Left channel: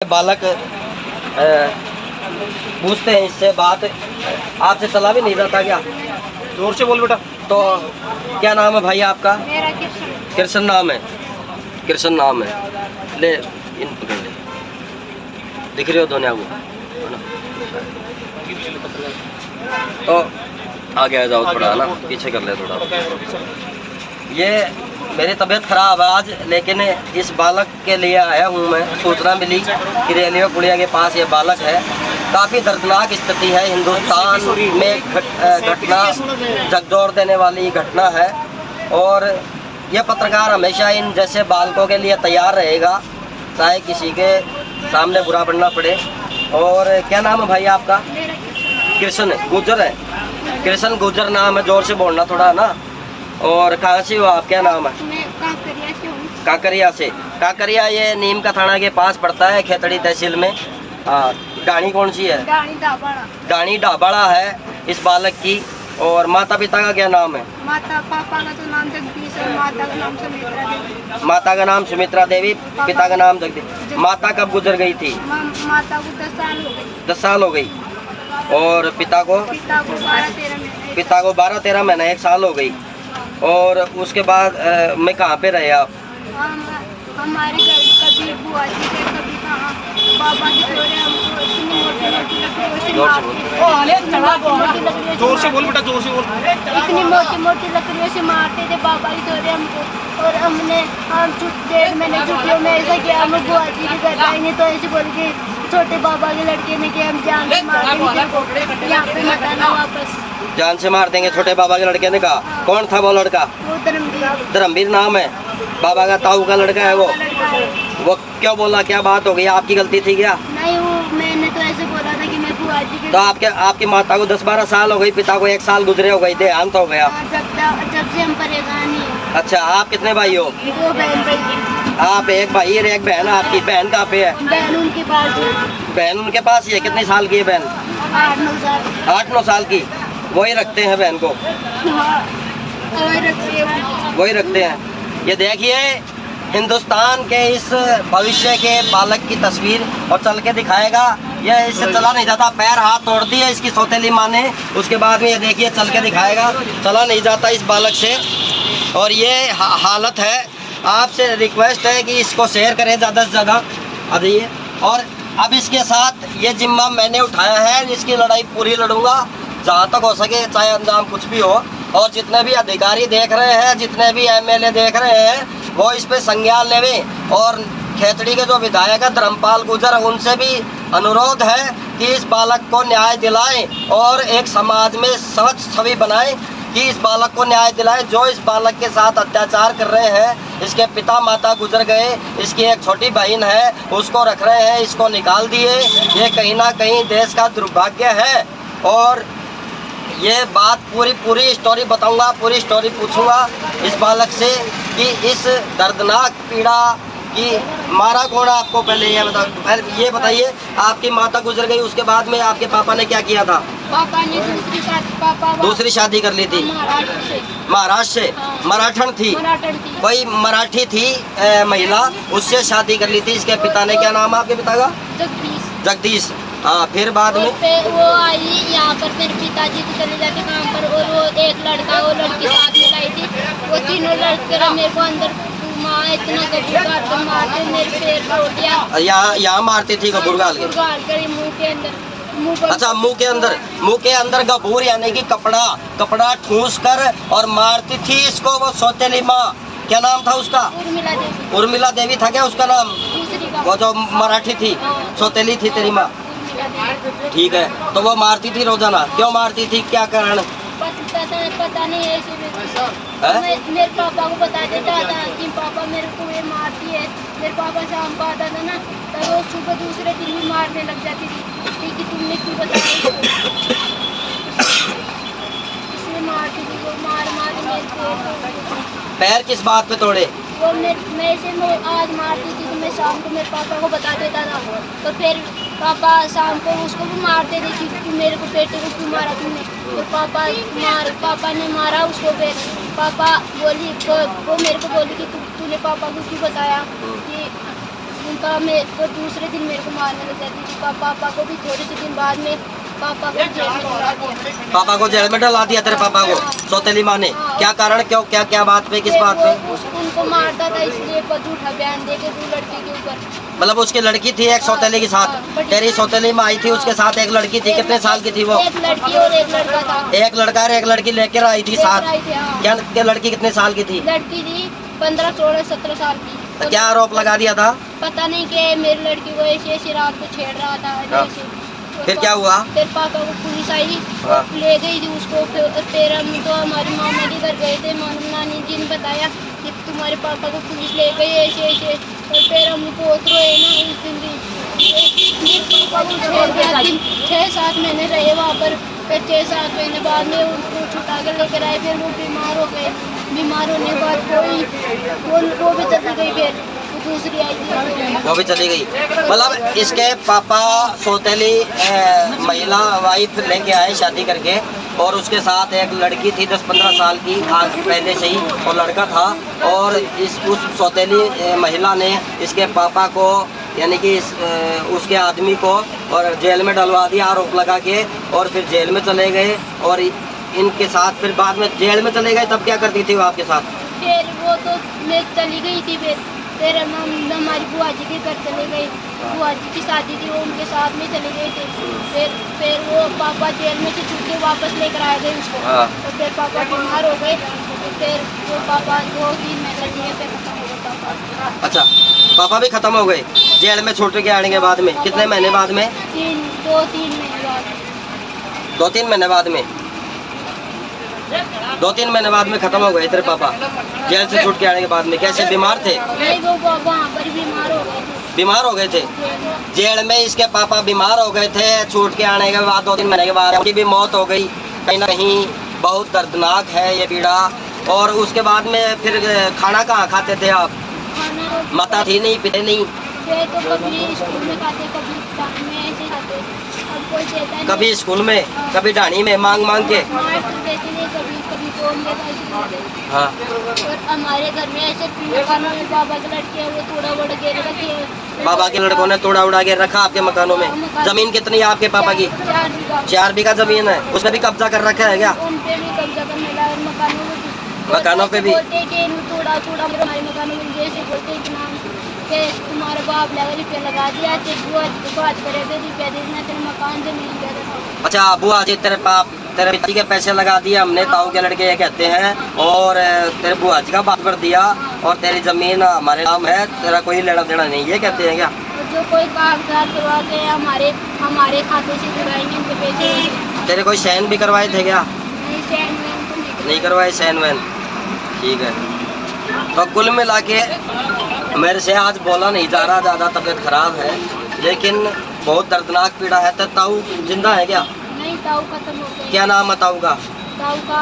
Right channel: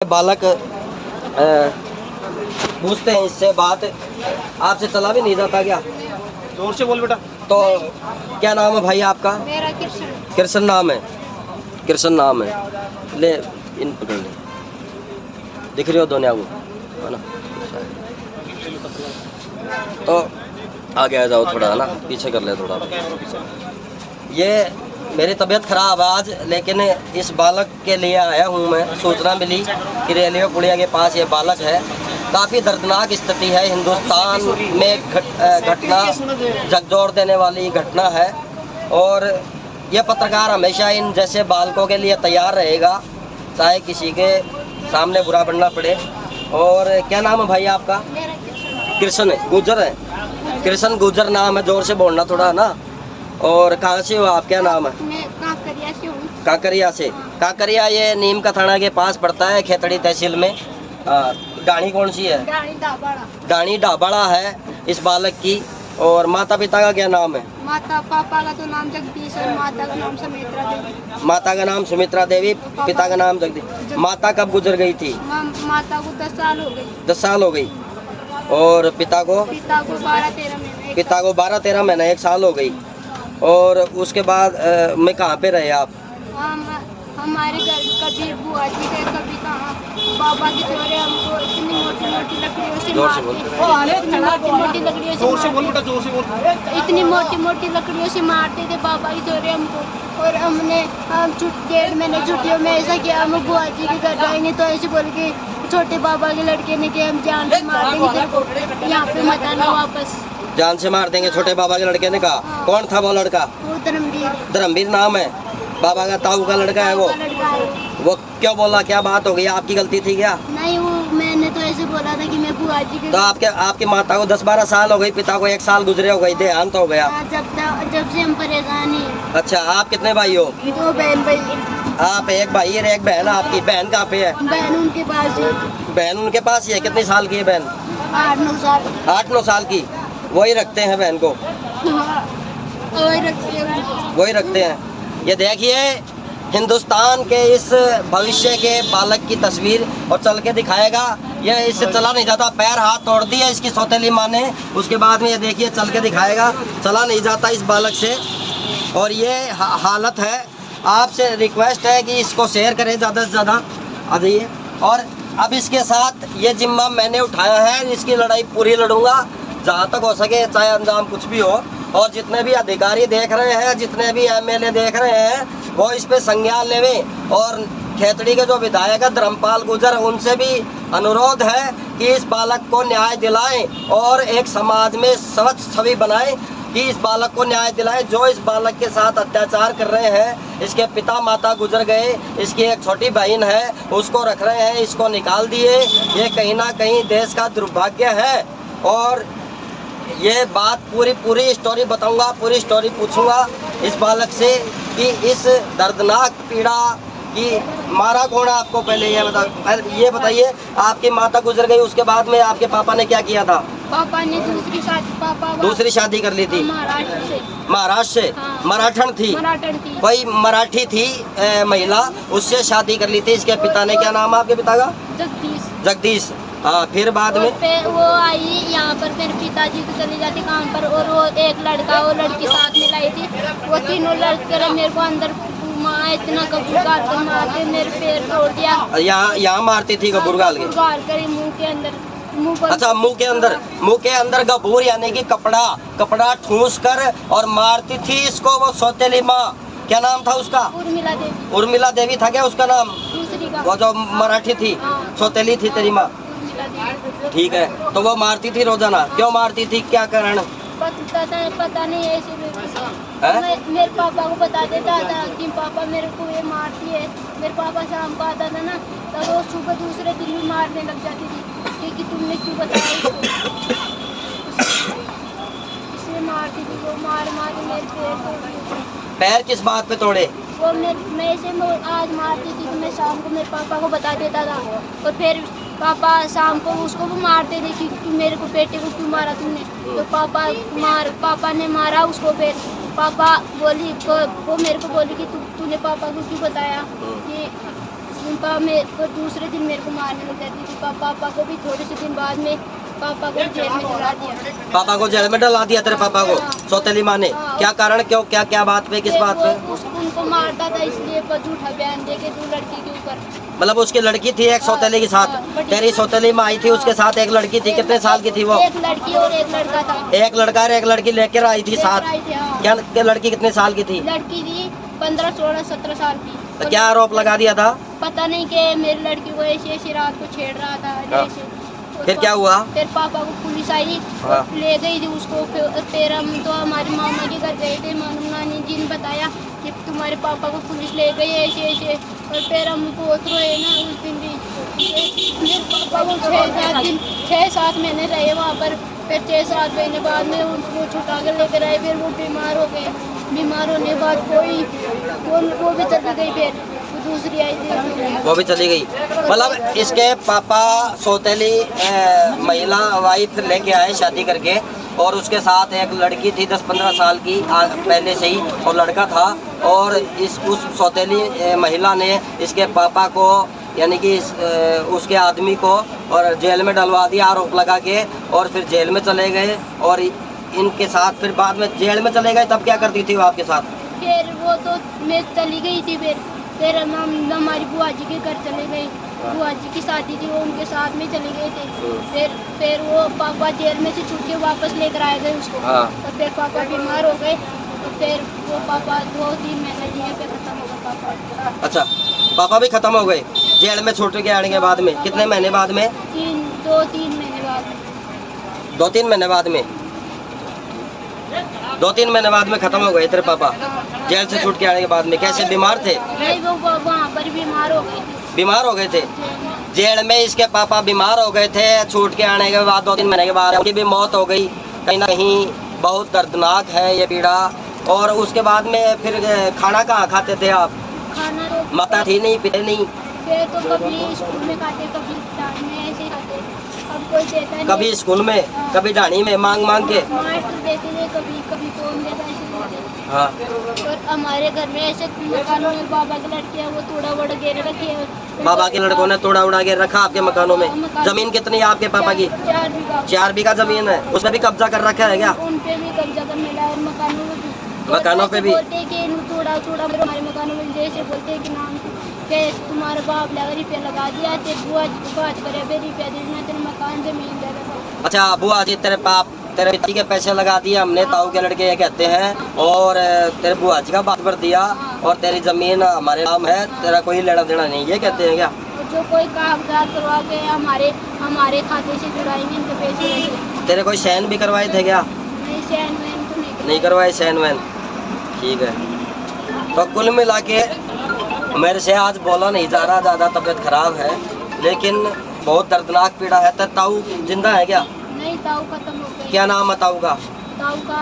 बालक पूछते हैं इससे बात, आपसे चला भी नहीं जाता क्या? जोर से बोल बेटा। तो क्या नाम है भाई आपका? मेरा कृष्ण। कृष्ण नाम है, कृष्ण नाम है। ले इन पकड़ ले, दिख रहे हो दोनों वो है ना? तो आगे आ जाओ थोड़ा, है ना, पीछे कर ले थोड़ा। ये मेरी तबीयत खराब है आज, लेकिन इस बालक के लिए आया हूँ मैं। सूचना मिली कि रेलवे पुलिया के पास ये बालक है। काफ़ी दर्दनाक स्थिति है, हिंदुस्तान में घटना झकझोर देने वाली घटना है। और ये पत्रकार हमेशा इन जैसे बालकों के लिए तैयार रहेगा, चाहे किसी के सामने बुरा बनना पड़े। और क्या नाम है भाई आपका? मेरा कृष्ण। कृष्ण गुजर है, कृष्ण गुजर नाम है, जोर से बोलना थोड़ा, है ना। और कहाँ से हो आप, क्या नाम है? मैं कांकरिया से हूँ। काकरिया से। काकरिया ये नीम का थाना के पास पड़ता है, खेतड़ी तहसील में। हाँ, गाड़ी कौन सी है? गाड़ी दाबाड़ा। गाड़ी ढाबाड़ा है इस बालक की। और माता पिता का क्या नाम है? माता पापा का तो नाम जगदीश और माता का नाम सुमित्रा देवी। माता का नाम सुमित्रा देवी, पिता का नाम जगदीश। माता कब गुजर गई थी? माता को 10 साल हो गई। 10 साल हो गई। और पिता को? पिता को 12-13 महीने। पिता को 12-13 महीने, 1 साल हो गई। और उसके बाद में कहाँ पे रहे आप? हमारे घर कभी बुआ जी थे, कभी कहाँ बाबा की छोरे हमको इतनी मोटी मोटी लकड़ियों से जोर से मारते, इतनी मोटी मोटी लकड़ियों जोर से से बोल बेटा, जोर से बोल। इतनी मोटी मोटी लकड़ियों से मारते थे बाबा की छोरे हमको। और हमने हम 1.5 महीने छुट्टियों में ऐसा किया, हम बुआ जी के घर जाएंगे तो ऐसे बोल के छोटे बाबा के लड़के ने कि हम जान से मार देंगे तेरे को, यहाँ पे मत आना वापस, जान से मार देंगे, छोटे बाबा के लड़के ने कहा। कौन था वो लड़का? वो धर्मवीर धर्मवीर नाम है बाबा का, ताऊ का लड़का है वो। लड़का है। वो क्यों बोला, क्या बात हो गई, आपकी गलती थी क्या? नहीं, वो मैंने तो ऐसे बोला था कि मैं बुआ जी के तो आपकी माता को 10-12 साल हो गई, पिता को 1 साल गुजरे हो गई, देहांत हो गया। जब से हम परेशान हैं। अच्छा, आप कितने भाई हो? 2 बहन भाई। आप एक भाई और एक बहन। आपकी बहन कहाँ पे है? बहन उनके पास है। बहन उनके पास ही है। कितनी साल की है बहन? 8-9 साल। 8-9 साल की। वही रखते हैं बहन को? वही रखते हैं। वही रखते हैं। ये देखिए हिंदुस्तान के इस भविष्य के बालक की तस्वीर, और चल के दिखाएगा। यह इससे चला नहीं जाता, पैर हाथ तोड़ दिया इसकी सौतेली माँ ने। उसके बाद में ये देखिए चल के दिखाएगा, चला नहीं जाता इस बालक से। और ये हालत है। आपसे रिक्वेस्ट है कि इसको शेयर करें ज़्यादा से ज़्यादा। आ जाइए। और अब इसके साथ ये जिम्मा मैंने उठाया है, इसकी लड़ाई पूरी लड़ूंगा जहाँ तक हो सके, चाहे अंजाम कुछ भी हो। और जितने भी अधिकारी देख रहे हैं, जितने भी एमएलए देख रहे हैं, वो इस पे संज्ञान लेवें। और खेतड़ी के जो विधायक है धर्मपाल गुजर, उनसे भी अनुरोध है कि इस बालक को न्याय दिलाएं और एक समाज में स्वच्छ छवि बनाएं कि इस बालक को न्याय दिलाएं। जो इस बालक के साथ अत्याचार कर रहे हैं, इसके पिता माता गुजर गए, इसकी एक छोटी बहन है, उसको रख रहे हैं, इसको निकाल दिए। ये कहीं ना कहीं देश का दुर्भाग्य है। और ये बात पूरी स्टोरी बताऊंगा, पूरी स्टोरी पूछूंगा इस बालक से कि इस दर्दनाक पीड़ा की मारा कौन है आपको। पहले ये बताइए, आपकी माता गुजर गई, उसके बाद में आपके पापा ने क्या किया था? पापा ने दूसरी शादी कर ली थी महाराष्ट्र से। हाँ। मराठन थी, मराठन थी। कोई मराठी थी महिला, उससे शादी कर ली थी। इसके पिता ने, क्या नाम है आपके पिता का? जगदीश। हाँ, फिर बाद में वो आई यहाँ पर मेरे पिताजी को चले जाके काम पर, और वो एक लड़का वो लड़की साथ में लाई थी। वो तीनों लड़के मेरे को अंदर माँ इतना गजब मारते, मेरे पैर तोड़ दिया। यहाँ मारती थी गबूर गाल के? मुँह के अंदर, मुँह पर। अच्छा, मुंह के अंदर गबूर यानी कि कपड़ा ठूस कर और मारती थी इसको वो सौतेली माँ। क्या नाम था उसका? उर्मिला देवी। उर्मिला देवी था क्या उसका नाम? दूसरी का। वो जो मराठी थी, सौतेली थी तेरी माँ। ठीक है, तो वो मारती थी रोजाना, क्यों मारती थी, क्या कारण? पता नहीं ऐसे मेरे पापा को बता देता था कि पापा मेरे को ये मारती है। मेरे पापा शाम को आता था ना, तब वो सुबह दूसरे दिन भी मारने लग जाती थी कि तुमने क्यों बताया इसलिए मारती थी। वो मार मेरे पैर किस बात पे तोड़े? वो मैं आज मारती थी तो मैं शाम को मेरे पापा को बता देता था, तो फिर पापा शाम को उसको भी मारते थे कि मेरे को बेटे को क्यों मारा तुमने। तो पापा ने मारा उसको। फिर पापा बोली वो मेरे को बोली कि तूने पापा को क्यों बताया कि उनका मेरे को दूसरे दिन मेरे को मारने लग जाती थी। पापा को भी थोड़े से दिन बाद में पापा को जेल में डला दिया। पापा को जेल में डला दिया तेरे पापा को सौतेली माँ ने? हाँ। क्या कारण, क्यों, क्या क्या बात पे, किस बात पे? उनको मारता था इसलिए झूठा बयान दे के 2 लड़की के ऊपर। मतलब उसकी लड़की थी एक सौतेली के साथ? हाँ। तेरी सौतेली माँ आई थी, उसके साथ एक लड़की थी। कितने साल की थी वो? एक लड़की और एक लड़का था। एक लड़का और एक लड़की लेकर आई थी साथ? लेकर आई थी, हाँ। क्या लड़की कितने साल की थी? लड़की थी 15, 16, 17 साल की। तो क्या आरोप लगा दिया था? पता नहीं कि मेरी लड़की को ऐसी रात को छेड़ रहा था हाँ। ऐसे। फिर क्या हुआ? फिर पापा को पुलिस आई, हाँ। ले गई थी उसको। फिर हम तो हमारी मामा के घर गए थे। नानी जी ने बताया कि तुम्हारे पापा को पुलिस ले गई ऐसे ऐसे। और फिर हम बहुत रोए ना उस दिन भी। पापा को 6-7 महीने रहे वहाँ पर। फिर 6-7 महीने बाद में उनको छुटा कर लेकर आए। फिर वो बीमार हो गए। बीमार होने के बाद वो भी चली गई। फिर दूसरी आई थी, वो भी चली गई। मतलब इसके पापा सौतेली महिला वाइफ लेके आए शादी करके, और उसके साथ एक लड़की थी 10-15 साल की आज पहले से ही, और लड़का था। और उस सौतेली महिला ने इसके पापा को, यानी कि उसके आदमी को, और जेल में डलवा दिया आरोप लगा के। और फिर जेल में चले गए, और इनके साथ फिर बाद में जेल में चले गए। तब क्या करती थी वो आपके साथ? फिर वो तो मैं चली गई थी। फिर हम हमारी बुआ जी के घर चले गए। बुआ जी की शादी थी, वो उनके साथ में चले गए थे। फिर वो पापा जेल में से छूट के वापस लेकर आए थे उसको। हाँ। तो फिर पापा बीमार हो गए। तो फिर वो पापा 2-3 महीने जिए, फिर खत्म हो गए पापा। अच्छा, पापा भी खत्म हो गए जेल में छूट के आने के बाद में? कितने महीने बाद में? 2-3 महीने बाद। 2-3 महीने बाद में? 2-3 महीने बाद में खत्म हो गए तेरे पापा जेल से छूट के आने के बाद में? कैसे, बीमार थे? नहीं, वो वहाँ पर बीमार हो गए थे। बीमार हो गए थे जेल में? इसके पापा बीमार हो गए थे छूट के आने के बाद 2-3 महीने के बाद उनकी भी मौत हो गई। कहीं ना कहीं बहुत दर्दनाक है ये पीड़ा। और उसके बाद में फिर खाना कहाँ खाते थे आप? खाना तो माता थी नहीं, पिते नहीं? फिर तो कभी स्कूल में खाते, कभी टाइम में ऐसे खाते। अब कोई देता नहीं। कभी स्कूल में, कभी ढाणी में मांग मांग के? मास्टर देते नहीं, कभी कौन देता ऐसे खाते। हाँ। और हमारे घर में ऐसे मकानों में बाबा की लड़कियाँ वो थोड़ा बड़ा घेरे रखे हैं। बाबा के लड़कों ने तोड़ा उड़ा के रखा आपके मकानों में? जमीन कितनी है आपके पापा की? 4 बीघा। 4 बीघा जमीन है, उसमें भी कब्जा कर रखा है क्या? उन पे भी कब्जा कर मिला। और मकानों में भी मकानों पे भी? बोलते हैं कि थोड़ा हमारे मकानों में जैसे बोलते हैं कि नाम पे तुम्हारा बाप लगा रुपया लगा दिया, तेरे बुआ जी बात करे थे रुपया देना, तेरे मकान जमीन दे दे। अच्छा, बुआ जी तेरे पिता के पैसे लगा दिए हमने, ताऊ के लड़के ये कहते हैं, और तेरे बुआ जी का बात कर दिया, और तेरी जमीन हमारे नाम है, तेरा कोई लेना देना नहीं, ये कहते हैं क्या? और जो कोई कागजात करवा के हमारे खाते से जुड़ाएंगे इनके पैसे। तेरे कोई सैन भी करवाए थे क्या? नहीं, सैन वैन तो नहीं करवाए सैन वैन? ठीक है। तो कुल मिला के मेरे से आज बोला नहीं जा रहा, ज़्यादा तबीयत खराब है, लेकिन बहुत दर्दनाक पीड़ा है। तो ताऊ जिंदा है क्या? नहीं, ताऊ खत्म हो गए। क्या नाम है ताऊ का? ताऊ का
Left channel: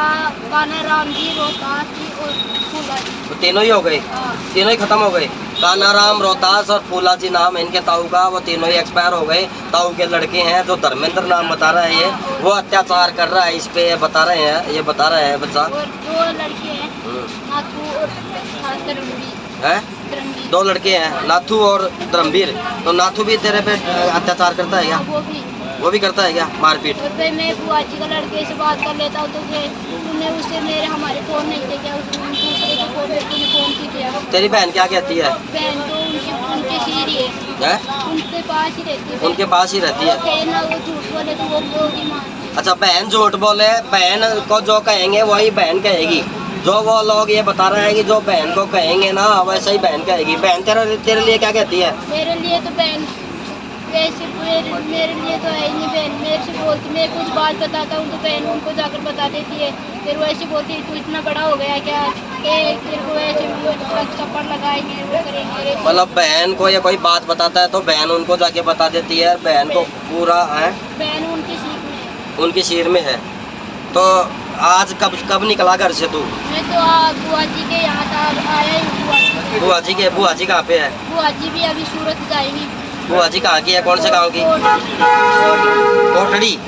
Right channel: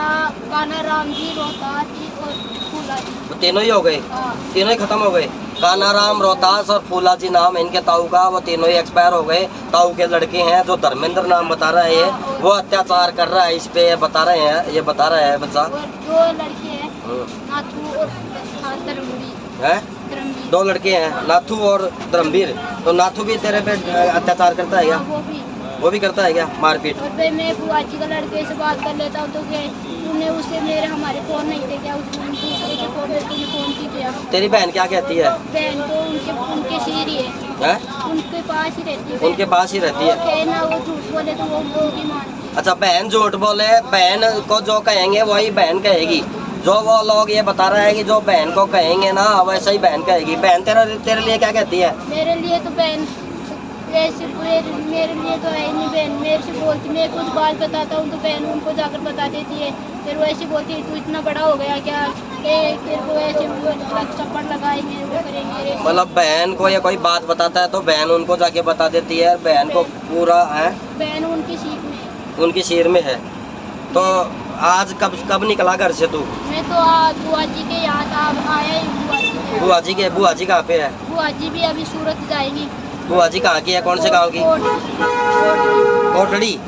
कान्हा राम जी, रोहतास जी और फूला जी। वो तीनों ही हो गए? हाँ। तीनों ही खत्म हो गए? कान्हा राम, रोहतास और फूला जी नाम है इनके ताऊ का, वो तीनों ही एक्सपायर हो गए। ताऊ के लड़के हैं जो धर्मेंद्र नाम बता रहे हैं, वो अत्याचार कर रहा है इस पे, बता रहे हैं, ये बता रहा है बच्चा। और 2 लड़के हैं, नाथू और धर्मवीर। है? 2 लड़के हैं, नाथू और धर्मवीर। तो नाथू भी तेरे पे अत्याचार करता है क्या? वो भी करता है क्या, मारपीट? और फिर मैं बुआ जी का लड़के से बात कर लेता हूँ तो तूने उससे हमारे फोन नहीं थे क्या, दूसरे के फोन पे तूने फोन से किया। तेरी बहन क्या कहती है? बहन तो उनके सीरी है, उनके पास ही रहती है। उनके पास ही रहती है? कहे ना वो झूठ बोले तो वो ही मानती है। अच्छा, बहन झूठ बोले, बहन को जो कहेंगे वही बहन कहेगी। जो वो लोग ये बता रहे हैं कि जो बहन को कहेंगे ना वैसा ही बहन कहेगी। बहन तेरे लिए क्या कहती है? मेरे लिए तो बहन वैसे मेरे लिए तो है ही नहीं। बहन मेरे से बोलती, मैं कुछ बात बताता हूँ तो बहन उनको जाकर बता देती है। फिर वो ऐसे बोलती है तू इतना बड़ा हो गया क्या, तेरे को ऐसे चप्पड़ लगाएंगे, वो करेंगे। मतलब बहन को ये कोई बात बताता है तो बहन उनको जाके बता देती है, बहन को पूरा है। बहन उनकी सीख में है, उनकी सिर में है। तो आज कब निकला घर से तू? मैं तो बुआ जी के यहाँ था, आया ही बुआ जी के? बुआ जी कहाँ पे है? बुआ जी भी अभी सूरत जाएगी। बुआ जी कहाँ की है, कौन से गाँव की? कोटड़ी?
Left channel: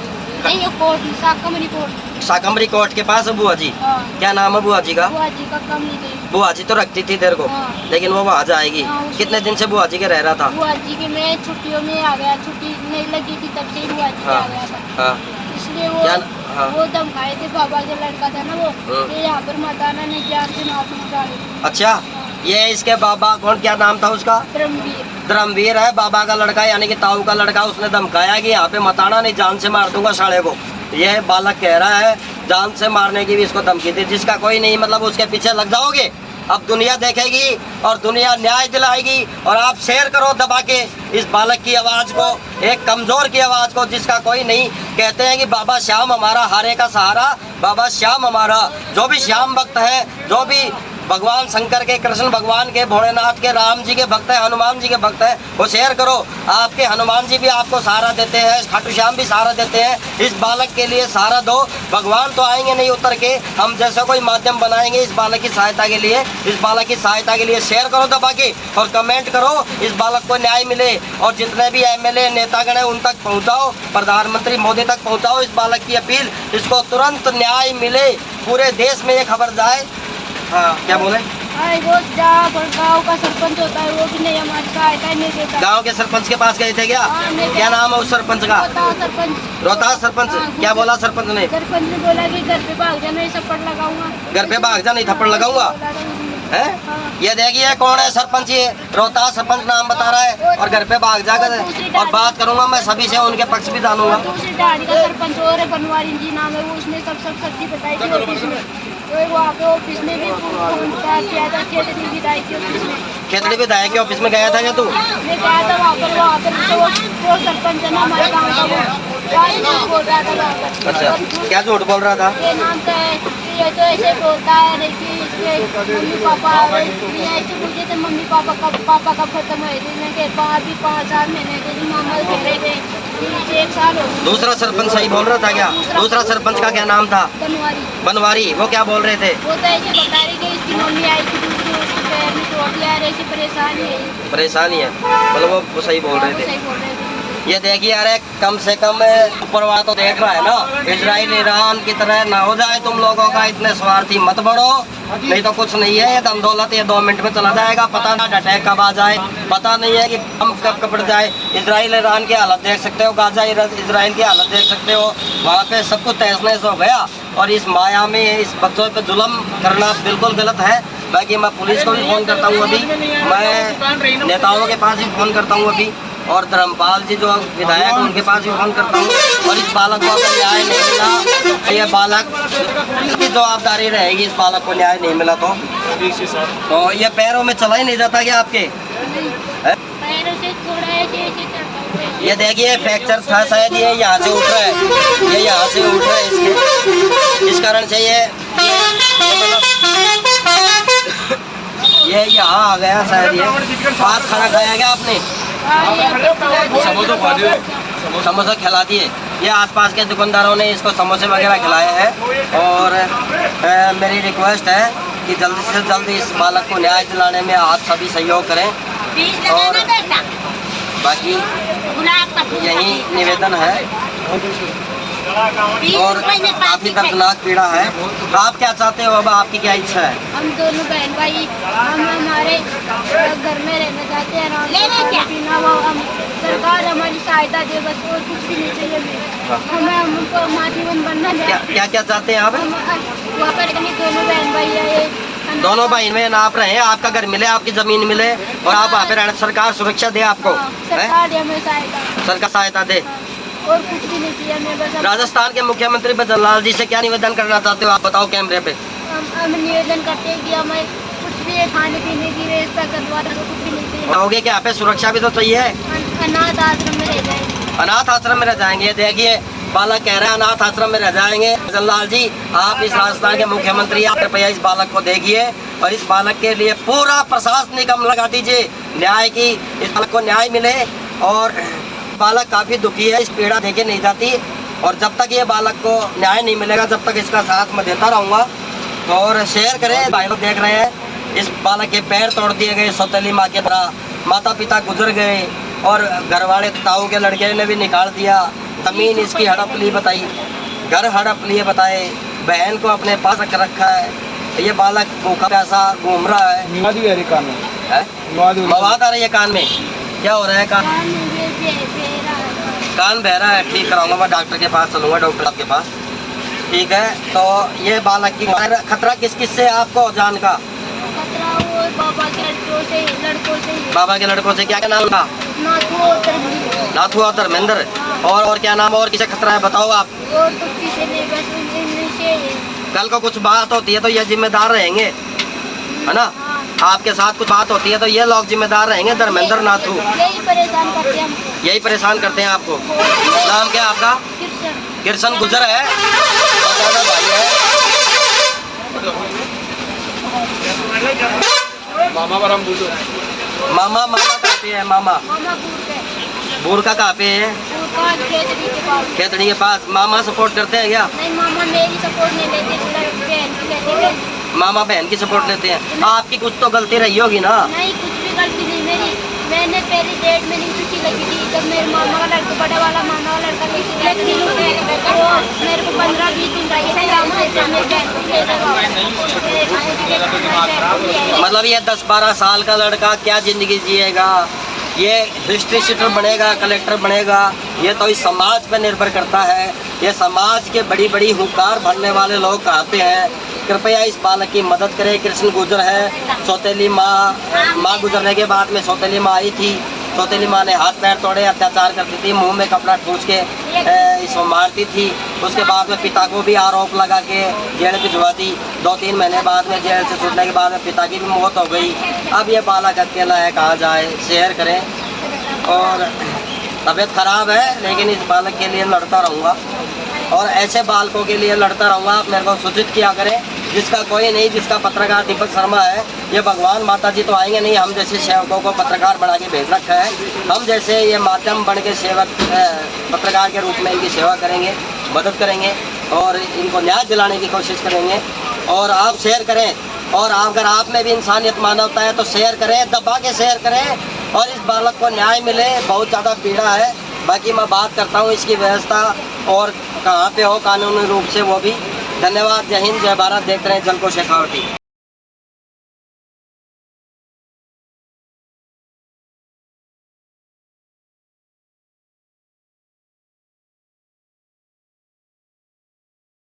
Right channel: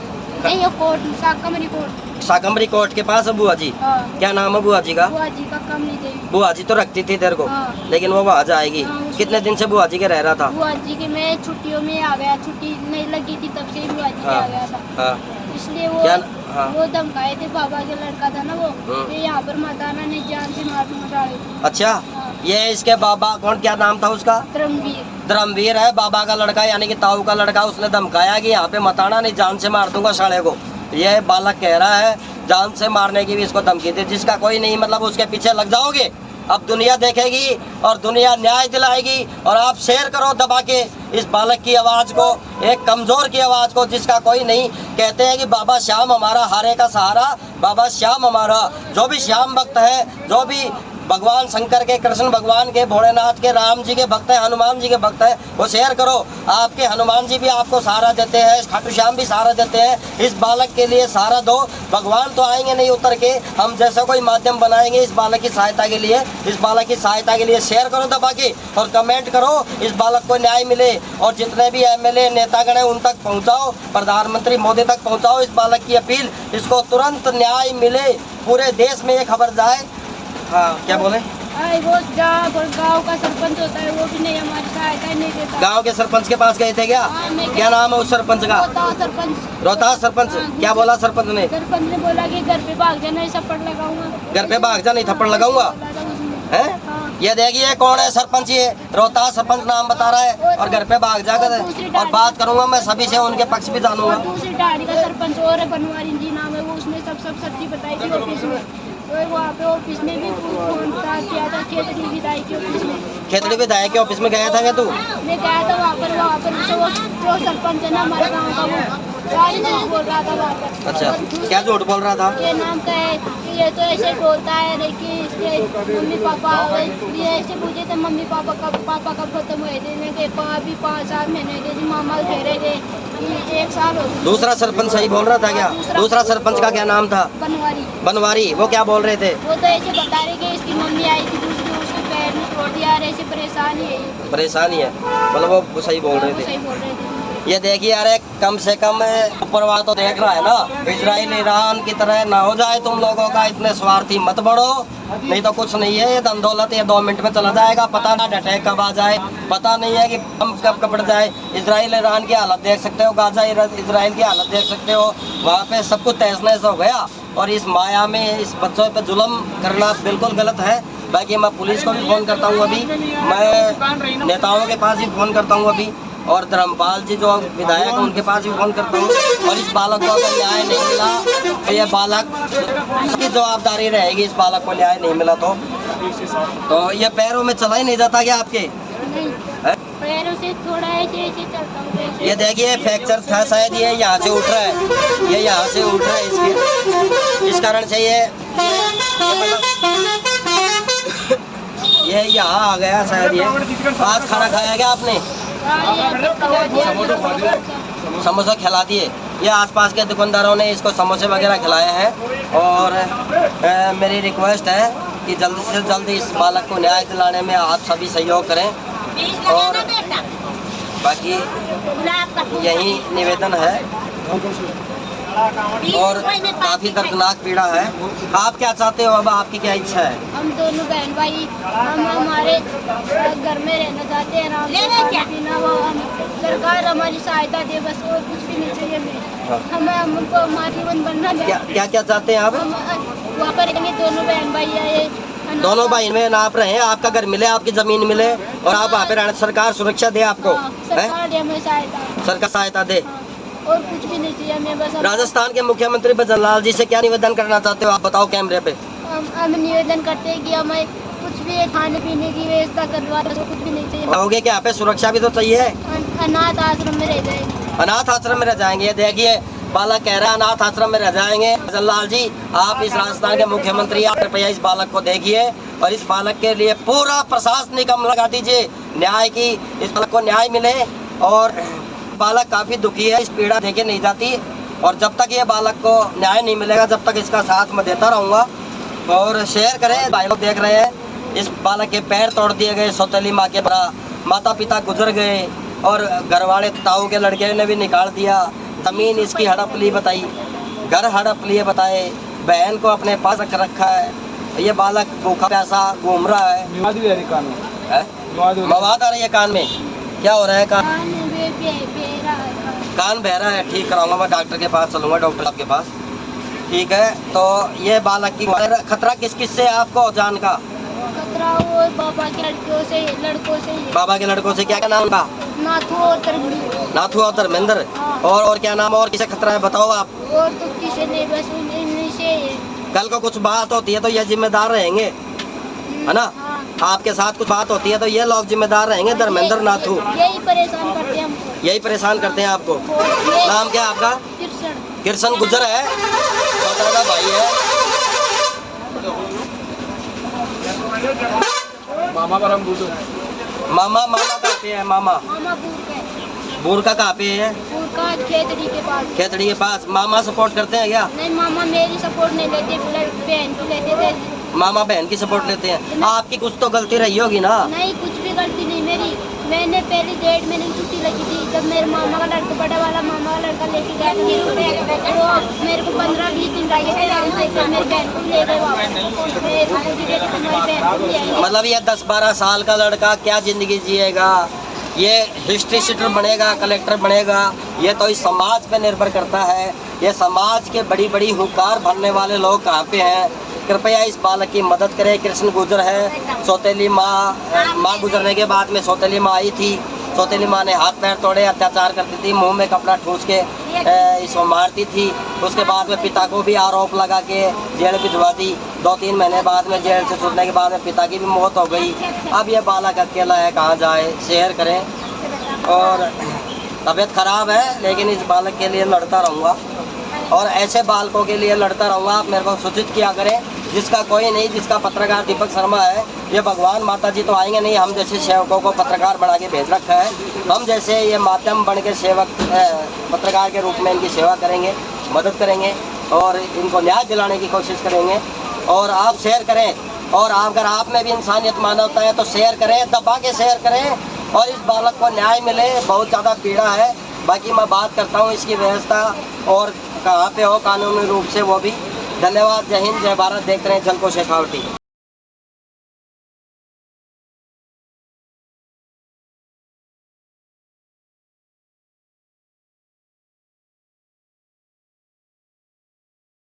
नहीं, ये कोट साकमरी कोट। साकमरी कोट के पास है बुआ जी? हाँ। क्या नाम है बुआ जी का? बुआ जी का कम नहीं गई। बुआ जी तो रखती थी तेरे को, हाँ। लेकिन वो वहाँ जाएगी। हाँ, उसको- कितने दिन से बुआ जी के रह रहा था? बुआ जी के मैं छुट्टियों में आ गया, छुट्टी नहीं लगी थी तब से ही बुआ जी के हाँ। आ गया था। हाँ। इसलिए वो क्या? हाँ। वो धमकाए थे, बाबा के लड़का था ना वो, हाँ। ये यहाँ पर मत आना, नहीं जान से मार दूंगा। अच्छा, ये इसके बाबा कौन, क्या नाम था उसका? धर्मवीर। धर्मवीर है, बाबा का लड़का यानी कि ताऊ का लड़का। उसने धमकाया कि यहाँ पे मत आना, नहीं जान से मार दूंगा साले को। ये बालक कह रहा है जान से मारने की भी इसको धमकी थी, जिसका कोई नहीं मतलब उसके पीछे लग जाओगे। अब दुनिया देखेगी और दुनिया न्याय दिलाएगी। और आप शेयर करो दबा के इस बालक की आवाज़ को, एक कमज़ोर की आवाज़ को जिसका कोई नहीं। कहते हैं कि बाबा श्याम हमारा हारे का सहारा, बाबा श्याम हमारा। जो भी श्याम भक्त है, जो भी भगवान शंकर के, कृष्ण भगवान के, भोलेनाथ के, राम जी के भक्त है, हनुमान जी के भक्त है, वो शेयर करो। आपके हनुमान जी भी आपको सहारा देते हैं, खाटू श्याम भी सहारा देते हैं। इस बालक के लिए सहारा दो। भगवान तो आएंगे नहीं उतर के, हम जैसा कोई माध्यम बनाएंगे इस बालक की सहायता के लिए। इस बालक की सहायता के लिए शेयर करो दबा के और कमेंट करो, इस बालक को न्याय मिले। और जितने भी एमएलए नेतागण हैं उन तक पहुँचाओ, प्रधानमंत्री मोदी तक पहुँचाओ इस बालक की अपील, इसको तुरंत न्याय मिले। पूरे देश में ये खबर जाए। हाँ, क्या बोले? अरे वो जहाँ गाँव का सरपंच होता है वो भी नहीं हमारी सहायता नहीं देता। गांव के सरपंच के पास गए थे क्या? हाँ, मैं क्या नाम है उस सरपंच का? सरपंच। रोहतास सरपंच। हाँ, क्या बोला सरपंच ने? सरपंच ने बोला कि घर पे भाग जाना, ये थप्पड़ लगाऊंगा। घर पे भाग जा, नहीं थप्पड़ लगाऊंगा। है? ये देखिए कौन है सरपंच, ये रोहतास सरपंच नाम बता रहा है और घर पे भाग जाकर। और बात करूंगा मैं सभी से, उनके पक्ष भी जानूंगा। दूसरी डाड़ी का सरपंच और है, बनवारी जी नाम है वो, उसने सब सच्ची बताई थी ऑफिस में। तो वहाँ पे ऑफिस में भी फोन किया था, खेतड़ी विधायक के ऑफिस में। खेतड़ी विधायक के ऑफिस में गया था क्या तू? मैं गया था वहाँ पर जो सरपंच है ना हमारे गाँव का, वो झूठ बोल रहा था वहाँ पर। अच्छा, क्या झूठ बोल रहा था? ये नाम का है, ये तो ऐसे बोलता है नहीं कि इसके मम्मी पापा, ये ऐसे पूछे थे मम्मी पापा कब खत्म हुए थे, मैं कहा अभी 5 महीने थे, मामा कह रहे थे कि 1 साल हो गया। दूसरा सरपंच सही बोल रहा था क्या? दूसरा सरपंच का क्या नाम था? बनवारी। बनवारी। वो क्या बोल रहे थे? वो तो ऐसे बता रहे कि इसकी मम्मी आई थी दूसरी, उसकी पैर में चोट दिया, ऐसे परेशानी है ये। परेशानी है, मतलब वो सही बोल रहे थे। सही बोल रहे थे। ये देखिए यार, कम से कम ऊपरवाला तो देख रहा है ना, इजराइल ईरान की तरह ना हो जाए तुम लोगों का। इतने स्वार्थी मत बढ़ो, नहीं तो कुछ नहीं है। ये धन दौलत ये 2 मिनट में चला जाएगा, पता ना अटैक कब आ जाए, पता नहीं है कि हम कब कपड़ जाए। इजराइल ईरान की हालत देख सकते हो, गाजा इजराइल की हालत देख सकते हो। वहाँ पे सब कुछ तहस नहस हो गया। और इस माया में इस बच्चों पे जुल्म करना बिल्कुल गलत है। बाकी मैं पुलिस को भी फ़ोन करता हूँ अभी, मैं नेताओं के पास भी फ़ोन करता हूँ अभी, और धर्मपाल जी जो विधायक हैं उनके पास भी फ़ोन करता हूँ। और इस बालक को अगर न्याय नहीं मिला तो ये बालक की जवाबदारी रहेगी। इस बालक को न्याय नहीं मिला तो ये पैरों में चला ही नहीं जाता क्या आपके? है? पैरों से थोड़ा ऐसे चढ़ता हूँ। ये देखिए फ्रैक्चर था शायद, ये यहाँ से उठ रहा है, ये यहाँ से उठ रहा है इसके, इस कारण से ये यहाँ आ गया शायद। ये आज खाना खाया क्या आपने? समोसा खिला दिए। ये आसपास के दुकानदारों ने इसको समोसे वगैरह खिलाए हैं। और मेरी रिक्वेस्ट है कि जल्दी से जल्दी इस बालक को न्याय दिलाने में आप सभी सहयोग करें। और बाकी यही निवेदन है। और काफ़ी दर्दनाक पीड़ा है। आप क्या चाहते हो, अब आपकी क्या इच्छा है? हम दोनों बहन भाई हम हमारे घर में रहना चाहते हैं, आराम से खाना पीना, वो हम सरकार हमारी सहायता दे, बस और कुछ भी नहीं चाहिए हमें। हमें हमको हमारा जीवन बनना क्या क्या चाहते हैं आप? वहाँ पर दोनों बहन भाई आए, दोनों भाई में आप रहे, आपका घर मिले, आपकी जमीन मिले और आप वहाँ पे रहना, सरकार सुरक्षा दे आपको, सरकार हमें सहायता, सरकार सहायता दे, और कुछ भी नहीं चाहिए हमें। बस राजस्थान के मुख्यमंत्री भजन लाल जी से क्या निवेदन करना चाहते हो आप, बताओ कैमरे पे। हम निवेदन करते हैं कि हमें कुछ भी खाने पीने की व्यवस्था करवा दो, कुछ भी नहीं चाहिए। कहोगे कि यहाँ पे सुरक्षा भी तो चाहिए। अनाथ आश्रम में रह जाएंगे। अनाथ आश्रम में रह जाएंगे। देखिए बालक कह रहा है अनाथ आश्रम में रह जाएंगे। भजन लाल जी, आप इस राजस्थान के मुख्यमंत्री, आप कृपया इस बालक को देखिए और इस बालक के लिए पूरा प्रशासनिक अमल लगा दीजिए, न्याय की, इस बालक को न्याय मिले। और बालक काफ़ी दुखी है, इस पीड़ा देखे नहीं जाती। और जब तक ये बालक को न्याय नहीं मिलेगा तब तक इसका साथ मैं देता रहूँगा। और शेयर करें, भाई लोग देख रहे हैं, इस बालक के पैर तोड़ दिए गए, सौतेली माँ के बड़ा, माता पिता गुजर गए और घर वाले ताऊ के लड़के ने भी निकाल दिया, ज़मीन इसकी हड़प ली बताई, घर हड़प लिए बताए, बहन को अपने पास रख रखा है। ये बालक भूखा प्यासा घूम रहा है। है मवाद आ रही है कान में, क्या हो रहा है कान? कान में बेरा है। कान बह रहा है, ठीक कराऊंगा मैं, डॉक्टर के पास चलूंगा, डॉक्टर साहब के पास। ठीक है, तो ये बालक की खतरा किस किस से है आपको जान का? खतरा वो बाबा के लड़कों से ही है। बाबा के लड़कों से, क्या क्या नाम का? नाथू और धर्मेंद्र। नाथू और धर्मेंद्र। और क्या नाम, और किसे खतरा है बताओ आप? और तो किसी ने बस इनसे कल को कुछ बात होती है तो ये जिम्मेदार रहेंगे, है ना? हाँ। आपके साथ कुछ बात होती है तो ये लोग जिम्मेदार रहेंगे, धर्मेंद्र नाथू। यही परेशान करते हैं हमको। यही परेशान करते हैं आपको। नाम क्या है आपका? कृष्ण। कृष्ण गुजर है, दादा भाई है। मामा पर हम दूसरे मामा कहाँ पे है? मामा मामा दूर पे। बूढ़का कहाँ पे है? दूर का खेतड़ी के पास। खेतड़ी के पास। मामा सपोर्ट करते हैं क्या? नहीं, मामा मेरी सपोर्ट नहीं लेते, बहन की लेते थे। मामा बहन की सपोर्ट लेते हैं। आपकी कुछ तो गलती रही होगी ना? नहीं, कुछ भी गलती नहीं मेरी। मैंने पहली डेट में नहीं छुट्टी लगी थी, जब मेरे मामा का लड़का, बड़ा वाला मामा का लड़का लेके गया था, तो मेरे को 15-20 दिन लगे थे। फिर मेरी बहन को ले गए। मतलब ये 10-12 साल का लड़का क्या जिंदगी जिएगा? ये हिस्ट्री शीटर बनेगा, कलेक्टर बनेगा? ये तो इस समाज पर निर्भर करता है। ये समाज के बड़ी बड़ी हुंकार भरने वाले लोग कहाँ पे हैं? कृपया इस बालक की मदद करें। कृष्ण गुजर है, सौतेली माँ गुजरने के बाद में सौतेली माँ आई थी। सौतेली माँ ने हाथ पैर तोड़े, अत्याचार करती थी, मुंह में कपड़ा ठूस के इसको मारती थी। उसके बाद में पिता को भी आरोप लगा के जेल भिजवा दी। 2-3 महीने बाद में जेल से छूटने के बाद में पिता की भी मौत हो गई। अब ये बालक अकेला है, कहाँ जाए? शेयर करें। और तबीयत खराब है, लेकिन इस बालक के लिए लड़ता रहूँगा और ऐसे बालकों के लिए लड़ता रहूँगा। आप मेरे को सूचित किया करें, जिसका कोई नहीं, जिसका पत्रकार दीपक शर्मा है। ये भगवान माता जी तो आएंगे नहीं, हम जैसे सेवकों को पत्रकार बना के भेज रखा है। हम जैसे ये माध्यम बन के सेवक पत्रकार के रूप में इनकी सेवा करेंगे, मदद करेंगे और इनको न्याय दिलाने की कोशिश करेंगे। और आप शेयर करें, और अगर आप में भी इंसानियत मानवता है तो शेयर करें, दबा के शेयर करें और इस बालक को न्याय मिले। बहुत ज़्यादा पीड़ा है। बाकी मैं बात करता हूँ इसकी व्यवस्था और कहाँ पे हो कानूनी रूप से, वो भी। धन्यवाद। जय हिंद, जय भारत। देखते रहें जल को शेखावटी।